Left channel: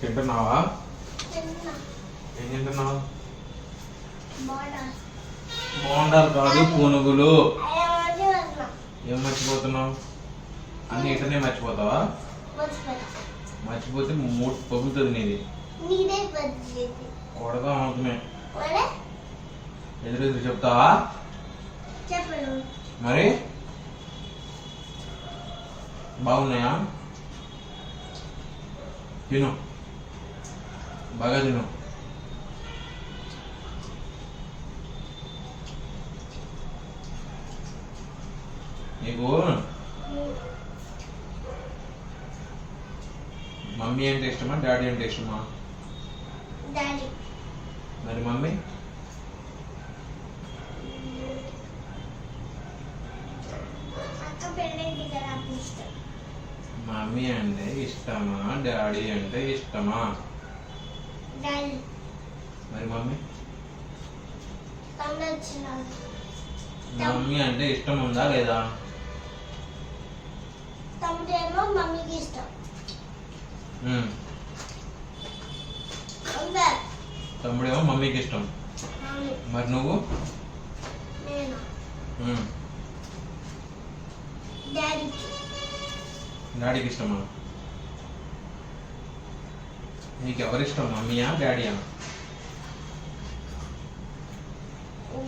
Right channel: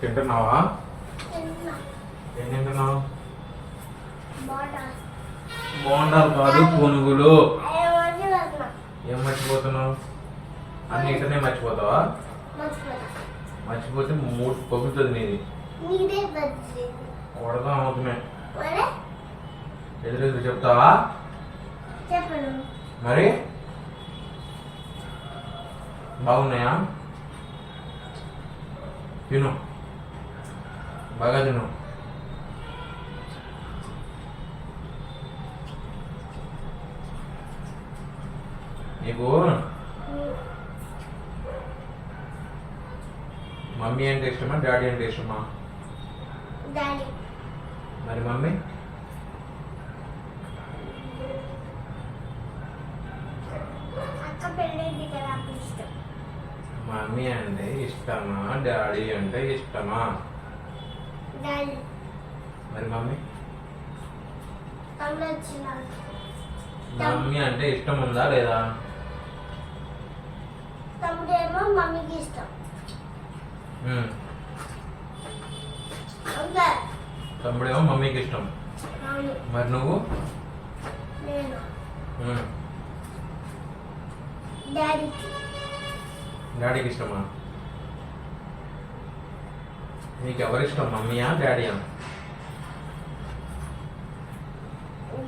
తింటున్నావా? ఏం తింటున్నావు? బోండాలు కాదు, పునుగులు. ఏం మర్చిపోతున్నావు? అన్ని ఇటనే మర్చిపోతావా? మర్చిపోతే మూడు పగులుతుంది నీది. కొడగా అవుతున్నా ఎదురెదురు చెప్తావా? మరి బాగున్నాయా? తిను, బాగా తిను. నీకు మమ్మీ అంటే ఇష్టమా, డాడీ అంటే ఇష్టమా? మరి మమ్మీ? మమ్మీ అంటే ఇష్టమా, డాడీ అంటే ఇష్టమా? మరి మమ్మీ? మమ్మీ అంటే ఇష్టం ఉందా లేదా? తమ్ముడేమో మమ్మీకి ఇష్టం. తమ్ముడేమో మమ్మీకి ఇష్టం. మరి నువ్వు? నేను డాడీకి ఇష్టమా? నీకు ఎవరిష్టం, మమ్మీయా డాడీయా?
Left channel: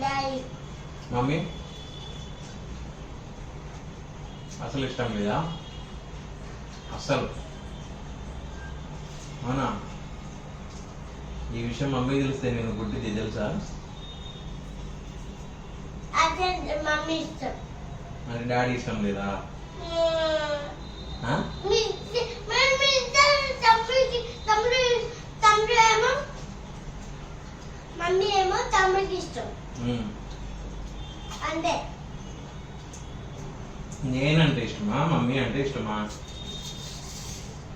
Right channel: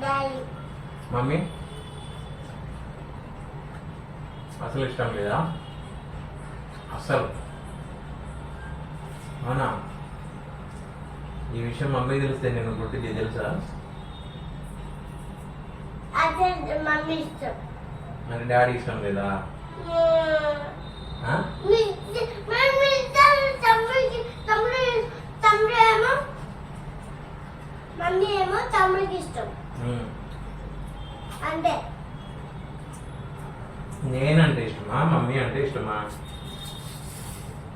డాడీ. మమ్మీ అసలు ఇష్టం లేదా? అసలు? అవునా? ఈ విషయం మమ్మీ తెలిస్తే నేను గుడ్డిది తెలుసా? అదే మమ్మీ ఇష్టం. మరి డాడీ ఇష్టం లేదా? మమ్మీ ఏమో తమ్ముడికి ఇష్టం. అంతే. నేనంటే ఇష్టమా, మమ్మీ అంటే ఇష్టమా?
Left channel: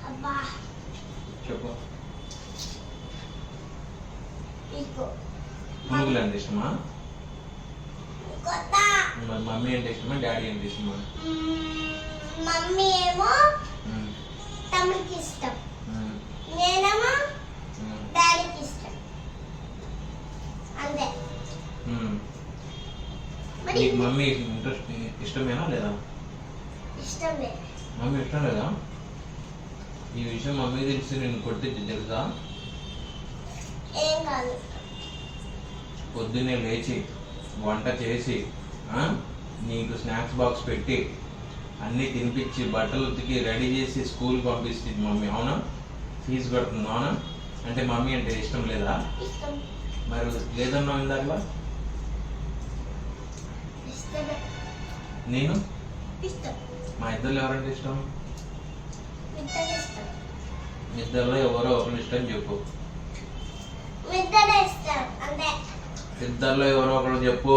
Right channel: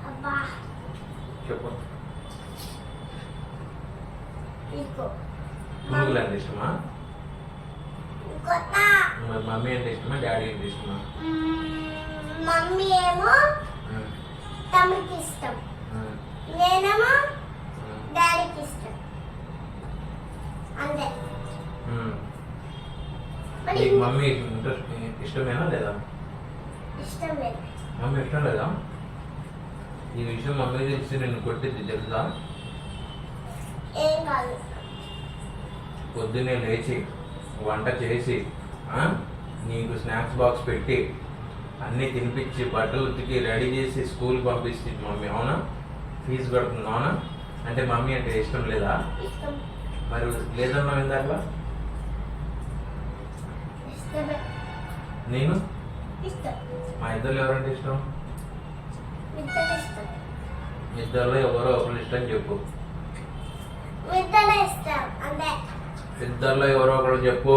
అబ్బా చెప్పు. ఇకో పునుగులు అంటే ఇష్టమా? కొత్త. మరి మమ్మీ అంటే ఇష్టమా, డాడీ అంటే ఇష్టమా? మమ్మీ ఏమో తమ్ముడికి ఇష్టం, నేనేమో డాడీకి ఇష్టం. అంతే. నీకు మమ్మీ ఇంట్రెస్ట్ ఇష్టమేనా లేదా? ఇష్టం లేదు. మమ్మీ ఇష్టం లేదా? ఈ విషయం మమ్మీ తెలిసి నేను కొట్టిద్ది తెలుసా? ఏం కాదు. పొద్దున్నే లేచి వంట చేసి నీకు స్నాక్స్ బాక్స్ పెట్టి అన్నీ తినిపించి బట్టలు ఉతికి రెడీ చేసి స్కూల్ పంపిస్తుంది మమ్మీ. అవునా? ఫీజు కడుతుంది. అవునా? అంటే మమ్మీ అంటే ఇష్టం లేదా? ఇష్టం. మరి లేదన్నావు ఇందాక. నేను ఇష్టం. మా ఇద్దరు ఎవరంటే ఇష్టం? ఇష్టం. ఇద్దరులో ఎవరో ఒకరు ఇష్టం చెప్పు. ఇష్టం. అంతే. ఇద్దరులో ఎవరో ఒకరు చెప్పు.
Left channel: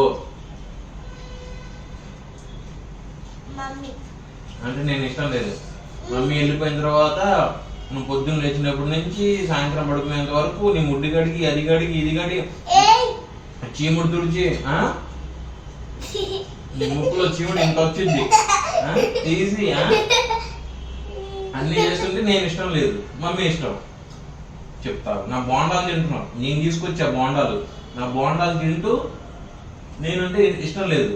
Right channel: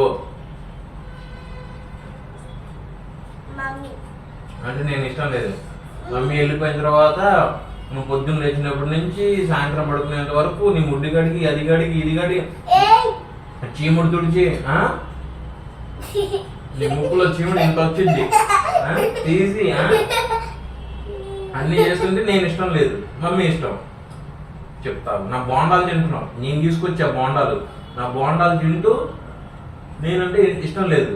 మమ్మీ. అంటే నేను ఇష్టం లేదు. మమ్మీ వెళ్ళిపోయిన తర్వాత నువ్వు పొద్దున్న లేచినప్పటి నుంచి సాయంత్రం పడుకునేంత వరకు నీ ముడ్డి గడికి అది గడికి ఇది గడికి చీముడు తుడిచి నీ ముక్కులో చీముడు ఎంత వచ్చింది తీసి అన్ని చేస్తుంటే నేను ఇష్టం లేదు, మమ్మీ ఇష్టం. చెప్తారు నా బోండాలు తింటున్నావు, నేను తీసుకొచ్చా బోండాలు, నా బోండాలు తింటూ నేనంటే ఇష్టం లేదు.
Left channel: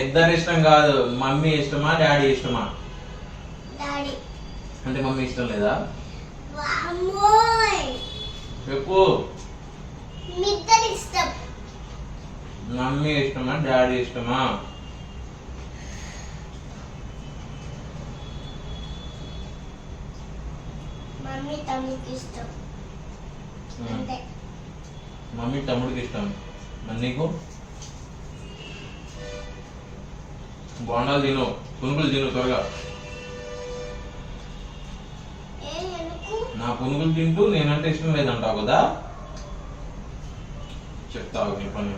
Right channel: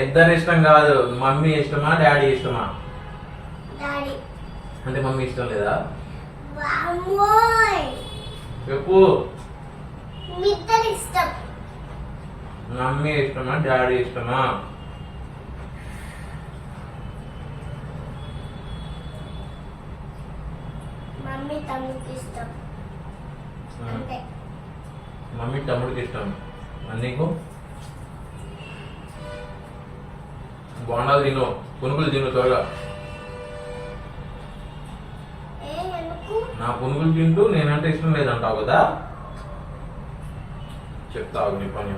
ఇద్దరు ఇష్టం కాదు. మమ్మీ ఇష్టమా, డాడీ ఇష్టమా? డాడీ. అంటే మమ్మీ ఇష్టం లేదా? చెప్పు. ఇష్టం. మమ్మీ ఇష్టమా, డాడీ ఇష్టమా? మమ్మీ తమ్ముడికి ఇష్టం. అంతే. మమ్మీ తమ్ముడికి ఇష్టం. నీకు? బోండాలు తిను, పునుగులు తిను త్వరగా. నా పునుగులు తింటూ నేనంటే ఇష్టం లేదంటావు కదా? చెప్తావు నీ పని.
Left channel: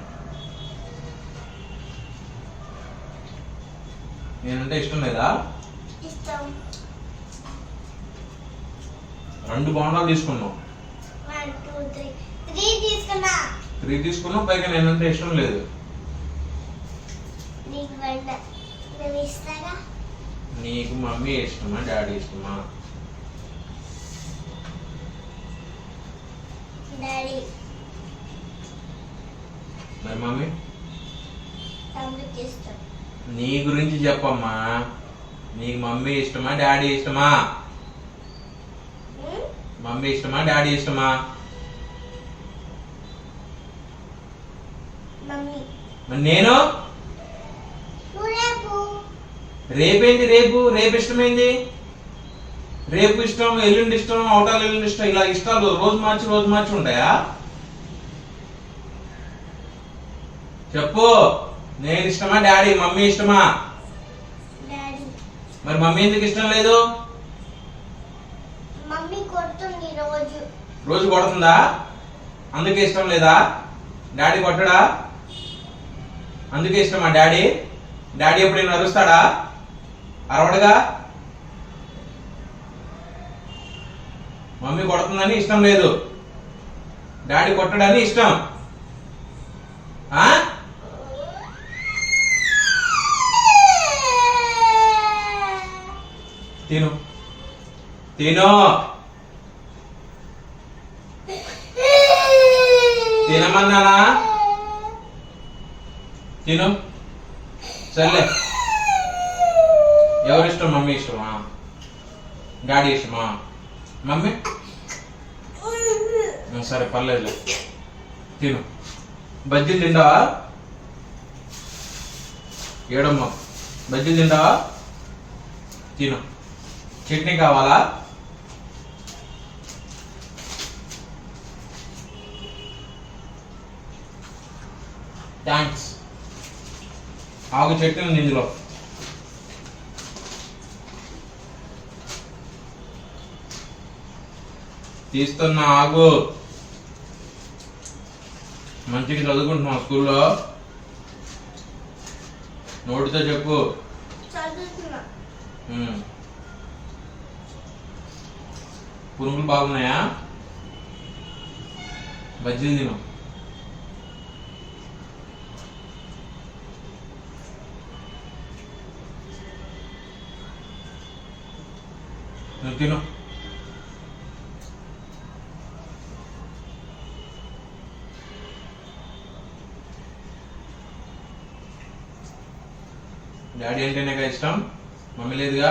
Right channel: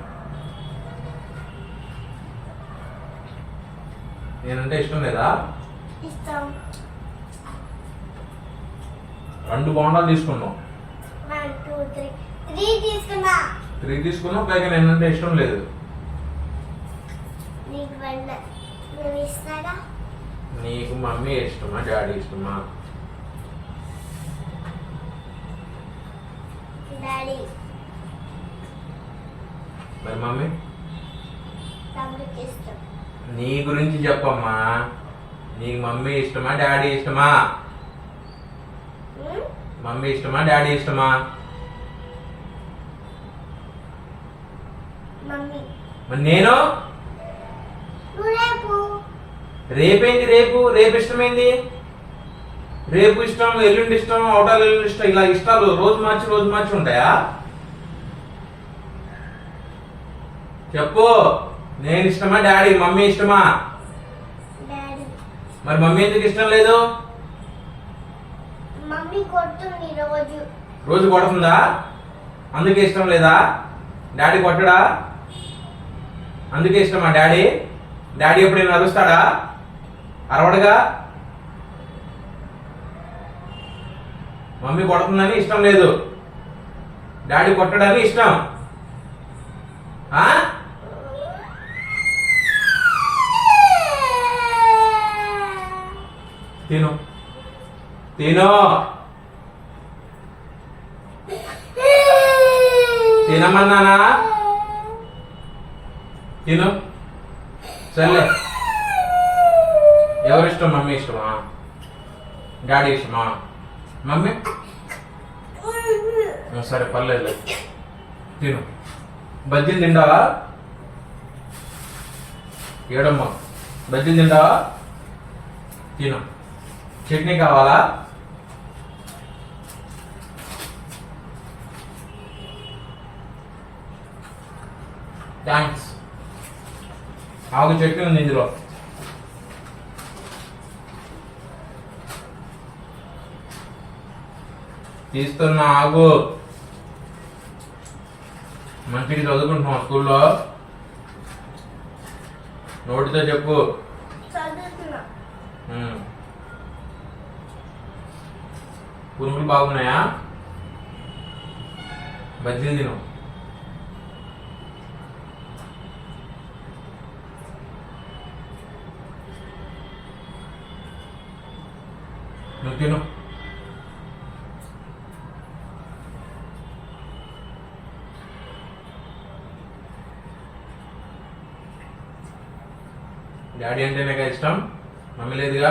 నేనంటే ఇష్టం లేదా? ఇష్టం. 2 బోండాలు తీసుకున్నావు. 1 2 3 3 తీసుకున్నా. 3 తీసుకున్నావు, పైగా నేనంటే ఇష్టం లేదు. నీకు నేను ఇస్తాగా. నీకు మమ్మీ ఇష్టమా డాడీ ఇష్టమా? డాడీ. మరి మమ్మీ తమ్ముడికి ఇష్టం. నీ గురించి చెప్పమ్మా. నీకు మమ్మీ ఇష్టమా డాడీ ఇష్టమా? మమ్మీ ఇష్టమా డాడీ ఇష్టమా? మమ్మీ. మరి నేను రేపు. రేపేంటి? రేపు ఇష్టమేంటి? రేపు ఇష్టం, ఎల్లుండి ఇష్టం, అవటాలు ఎల్లుండి ఇష్టం, ఇలా ఇష్టాలు రోజు మార్చి ఉంటాయా? చెప్పు. నేను ఇష్టమా డాడీ మమ్మీ ఇష్టమా? డాడీ. మరి మమ్మీ ఎందుకు ఇష్టం లేదు? మమ్మీ కొడుతుంది రోజు. రోజు కొడుతుందా? అందుకే ఇష్టం లేదా? డాడీ కొట్టడా? అందుకే ఇష్టమా డాడీ? డాడీ ఎప్పుడైనా అరుస్తాడా? అరవడగా. మమ్మీ కొడుతుందని ఇష్టం లేదు, డాడీ కొట్టడని ఇష్టం. ఆ? తిను తిను తినమన్నానా? తిను. సర్లే. ఎవరిష్టం? మమ్మీ ఇష్టమా డాడీ ఇష్టమా? మమ్మీ సరే పర్లేదు తిను. బజ్జీలు తింటావా? ఏడమ్మా బజ్జీలు తింటావా? తిను. చట్నీ కావాలా? థ్యాంక్స్. ఆగు, చట్నీ ఉంది ఇందులో. తీస్తున్నా, ఆగు. మంచిగా చదువుకుంటున్నావు స్కూల్లో? నోటితో చెప్పు. చదువుతున్నా. పురుగులు బాగున్నాయా? బజ్జీలు తిను. నువ్వు తిను. డాడీ అంటే నాకు ఇష్టం, మమ్మీ లేదుగా.